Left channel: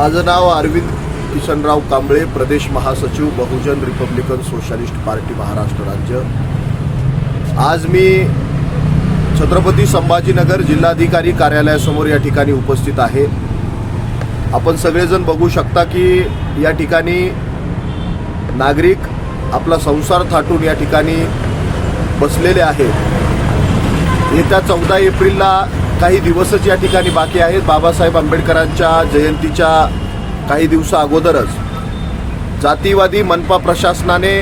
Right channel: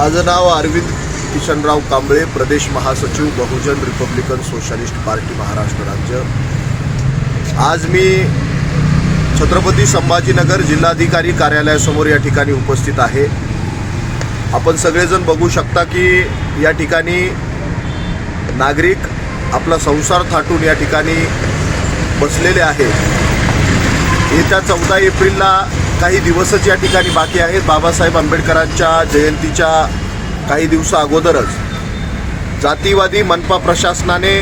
माझं नाव अरविंद किशनराव कांबळे प्रदेश महासचिव Bahujan Republican Socialist Party Maharashtra राज्य. आज मी छत्रपती संभाजीनगर जिल्हाधिकारी कार्यालयासमोर या ठिकाणी उपस्थित आहे. आपण सगळेजण बघू शकता की या ठिकाणी नागरिक आपला संसार थाटून या ठिकाणी बसलेले आहे येत्या चौदा एप्रिलला काही दिवसच या ठिकाणी बाकी आहेत. बाबासाहेब आंबेडकरांच्या जयंतीच्या काही दिवसा अगोदरच जातीवादी मनपा प्रशासनाने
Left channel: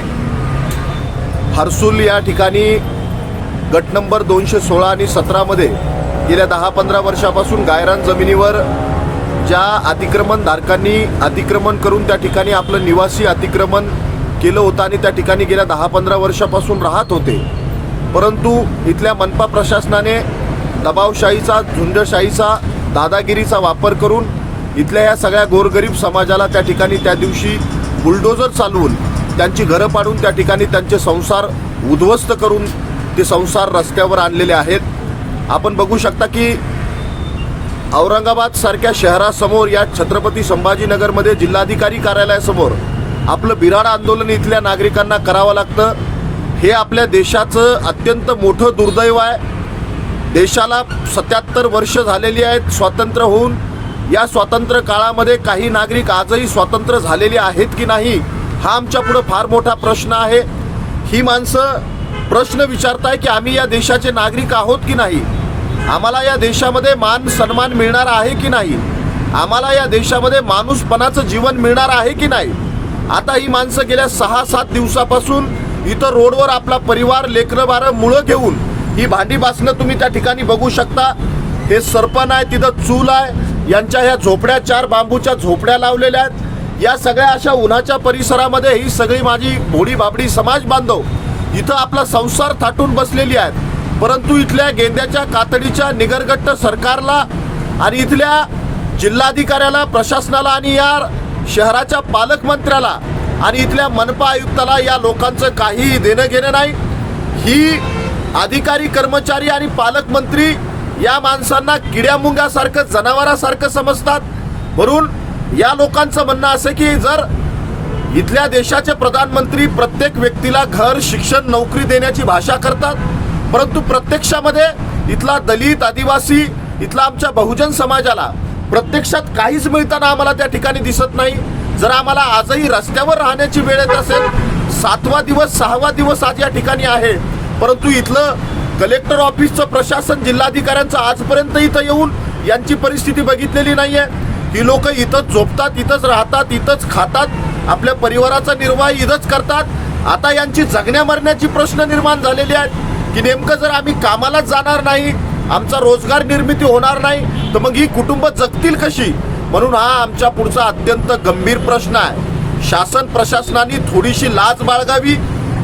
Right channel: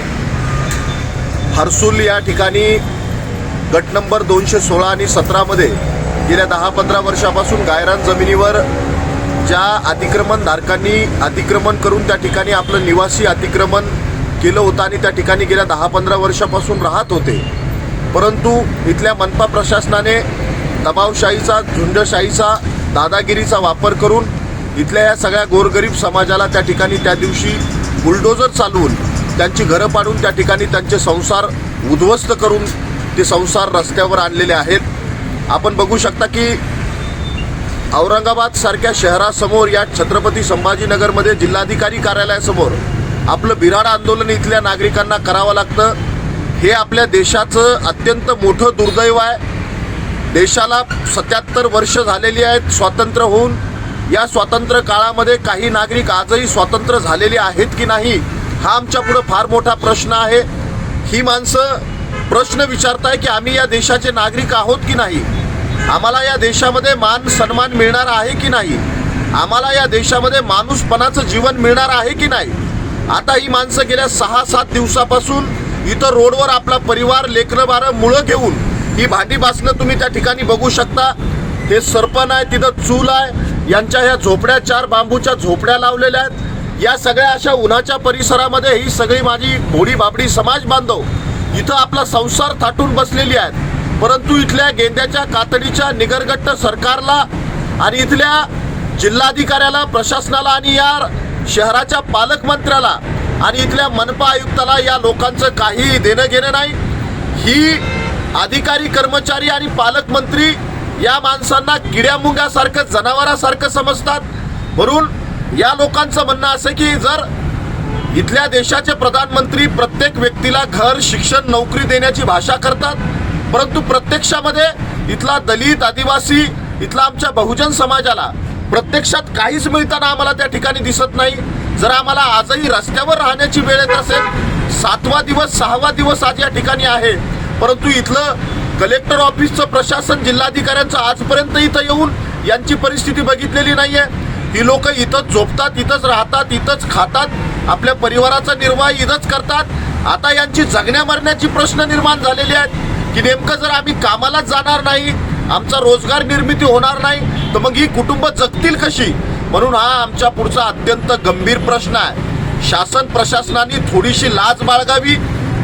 हर्सुल या ठिकाणी गट नंबर दोनशे सोळा आणि सतरामध्ये गेल्या दहा पंधरा वर्षापासून गायरान जमिनीवर ज्या अतिक्रमण धारकांनी अतिक्रमण करून त्या ठिकाणी आपलं निवासी अतिक्रमण केलं होतं आणि त्या ठिकाणी गेल्या दहा पंधरा वर्षापासून राहत होते. परंतु इथल्या मनपा प्रशासनाने दबावशाहीचा झुंडशाहीचा दादागिरीचा वापर करून इथल्या या सगळ्या गोरगरीब समाजाला त्या ठिकाणी त्या दिवशी बुलडोजर चालवून त्यांची घरं पाडून त्या ठिकाणी त्यांचे संसार उद्ध्वस्त करून ते संसार रस्त्यावर आणलेले आहेत. आपण बघू शकता की औरंगाबाद सारख्या शहरासमोर या छत्रपती संभाजीनगरमध्ये जिल्हाधिकारी कार्यालयासमोर आपलं बिराड आंदोलन इथल्या नागरिकांना करावं लागतं. हे आपल्या देशाचं अत्यंत मोठं दुर्दैव आहे. देशाला सत्याहत्तर वर्ष झालेली आहेत स्वातंत्र्य होऊन या स्वातंत्र्य काळामध्ये काही नागरिक आजही स्वातंत्र्य झालेले आहेत की नाही हा आमच्या पुढं फार मोठा प्रश्न आहे. ही माणसं प्रश्न विचारताय की आम्ही या देशाचे नागरिक आहोत की नाही? आम्हाला या देशामध्ये मान सन्मान मिळणार आहे की नाही? आम्हाला या देशामध्ये माणूसपणाचं जीवन मिळणार आहे की नाही? आता ही माणसं गेल्या सहा सात दिवसापासून इथं रोडवर आपला परिवार लेकरं बारं मुळं घेऊन ही भांडी बासणं तुम्ही त्या ठिकाणी बघू शकता. हे सरपण आहे तिथं चूल आहे. यांच्या ह्या झोपड्या चार बांबूच्या झोपड्या लावलेल्या आहेत. या सगळ्या अशा उन्हाच्या परिसरामध्ये ही सगळी माझी भोडी बाबडी समाज बांधव इथं आपला संसार थाटून बसलेली आहेत. परंतु इथल्या गेंद्याच्या कातडीच्या निगरगट्ट सरकारला आणि इथल्या जिल्हाधिकाऱ्याला प्रशासनाला आणि या शहराच्या पालकमंत्र्याला आणि इथल्या मनपा आयुक्ताला या लोकांचं काही देणं घेणं नाही. ही अधिकारी कर्मचारी आणि पालकमंत्री या माणसांना किड्यामुंग्यासारखं जनावरासारखं समजतात. म्हणून या लोकांचं म्हणणं असं की जर इथल्या देशाचे प्रधानमंत्री प्रत्येक व्यक्तीला घर शिक्षण नोकरी देण्याची भाषा करतात परंतु प्रत्यक्षामध्ये इथला दलित आदिवासी इथला आमच्या बहुजन समाजाला प्रत्यक्षात काहीच मिळताना आम्हाला त्या ठिकाणी दिसत नाही. जर आम्हाला आजही रस्त्यावर राहण्याची वेळ येत असेल सातवा दिवस सहावा दिवस आज या ठिकाणी आहे परंतु इथलं कलेक्टर ऑफिसचं प्रशासन जिल्हाधिकाऱ्यांचं आजपर्यंत इथं येऊन यांची परिस्थिती बघितलेली नाहीये. ही लोक इथंच झोपतात इथंच राहतात इथंच खातात आपल्या परिवाराचा निर्वाह इथंच करतात. आता यांची जगण्या मरण्याची प्रश्न निर्माण झालेले आहेत की नेमकं जर आम्ही कामालाच जाणार नाही आमचा रोजगार निर्मिती होणार नाही तर मग ही कुटुंब जगतील कशी? म्हणून हा आमच्या पुढचा अत्यंत गंभीर प्रश्न आहे. शासन प्रशासनाने थोडीशी लाज बाळगावी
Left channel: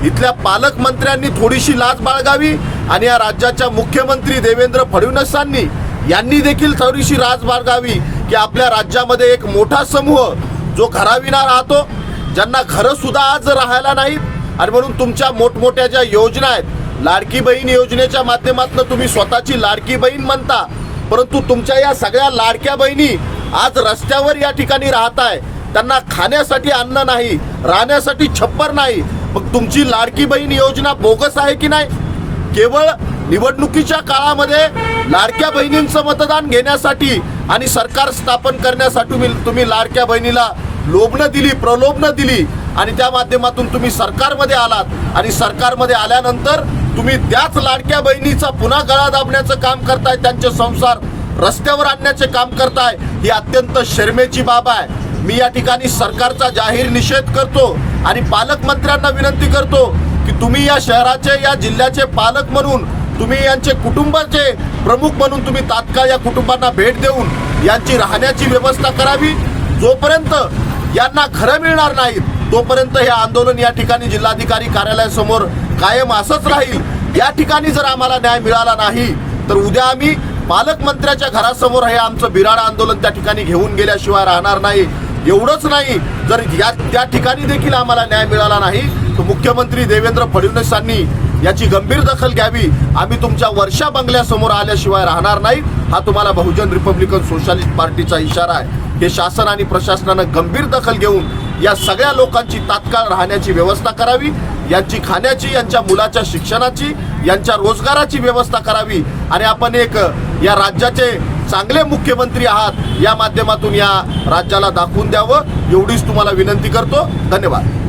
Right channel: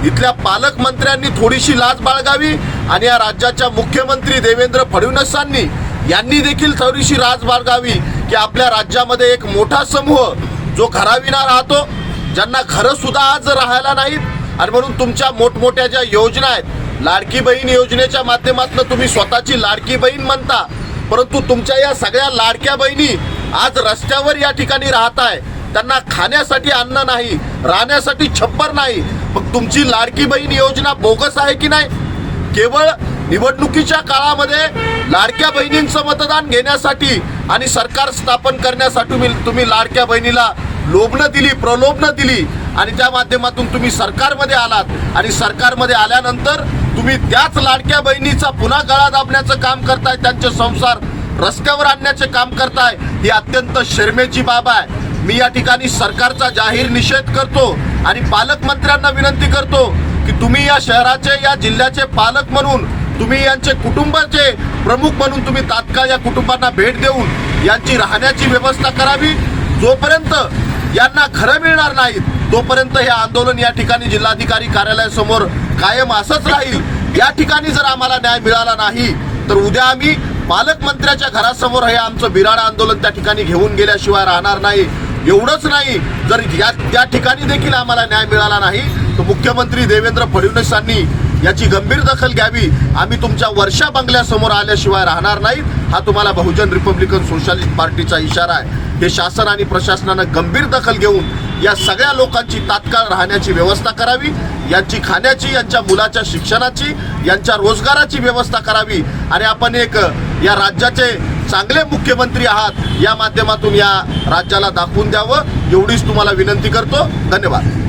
इथल्या पालकमंत्र्यांनी थोडीशी लाज बाळगावी आणि या राज्याच्या मुख्यमंत्री देवेंद्र फडणवीसांनी यांनी देखील थोडीशी लाज बाळगावी की आपल्या राज्यामध्ये एक मोठा समूह जो घराविना राहतो ज्यांना घरं सुद्धा आज राहायला नाहीत. आणि म्हणून तुमच्या मोठमोठ्या ज्या योजना आहेत लाडकी बहीण योजनेच्या माध्यमातून तुम्ही स्वतःची लाडकी बहीण म्हणता परंतु तुमच्या या सगळ्या लाडक्या बहिणी आज रस्त्यावर या ठिकाणी राहत आहे त्यांना खाण्यासाठी अन्न नाही राहण्यासाठी छप्पर नाही. मग तुमची लाडकी बहीण योजना बोगस आहे की नाही? केवळ निवडणुकीच्या काळामध्ये लाडक्या बहिणींचं मतदान घेण्यासाठी आणि सरकार स्थापन करण्यासाठी तुम्ही तुम्ही लाडक्या बहिणीला लोभनं दिली प्रलोभनं दिली आणि त्या माध्यमातून तुम्ही सरकारमध्ये आलात. आणि सरकारमध्ये आल्यानंतर तुम्ही त्याच लाडक्या बहिणीचा पुन्हा गळा दाबण्याचं काम करताय त्यांचे संसार रस्त्यावर आणण्याचे काम करताय ही अत्यंत शर्मेची बाब आहे. मी या ठिकाणी सरकारचा जाहीर निषेध करतो. आणि पालकमंत्र्यांना विनंती करतो की तुम्ही या शहराचे या जिल्ह्याचे पालक म्हणून तुम्ही यांचे कुटुंबाचे प्रमुख म्हणून तुम्ही तात्काळ या कुटुंबांना भेट देऊन यांची राहण्याची व्यवस्था करावी. जोपर्यंत यांना घरं मिळणार नाहीत तोपर्यंत हे आंदोलन या ठिकाणी जिल्हाधिकारी कार्यालयासमोर कायम असंच राहील. या ठिकाणी जर आम्हाला न्याय मिळाला नाही तर उद्या आम्ही पालकमंत्र्याच्या घरासमोर हे आमचं बिराड आंदोलन त्या ठिकाणी घेऊन गेल्याशिवाय राहणार नाही. एवढंच नाही. जर या त्या ठिकाणी देखील आम्हाला न्याय मिळाला नाही तर मुख्यमंत्री देवेंद्र फडणवीसांनी याची गंभीर दखल घ्यावी. आम्ही तुमच्या वर्षा बंगल्यासमोर आल्याशिवाय राहणार नाही. हा तुम्हाला बहुजन रिपब्लिकन सोशलिस्ट पार्टीचा इशारा आहे. हे शासन आणि प्रशासनानं गंभीर दखल घेऊन या सगळ्या लोकांची तात्काळ राहण्याची व्यवस्था करावी. यांची खाण्याची यांच्या मुलाच्या शिक्षणाची यांच्या रोजगाराची व्यवस्था करावी. आणि आपण एक या राज्याचे चांगले मुख्यमंत्री आहात या माध्यमातून या राज्याला दाखवून द्यावं एवढीच तुम्हाला विनंती करतो. धन्यवाद.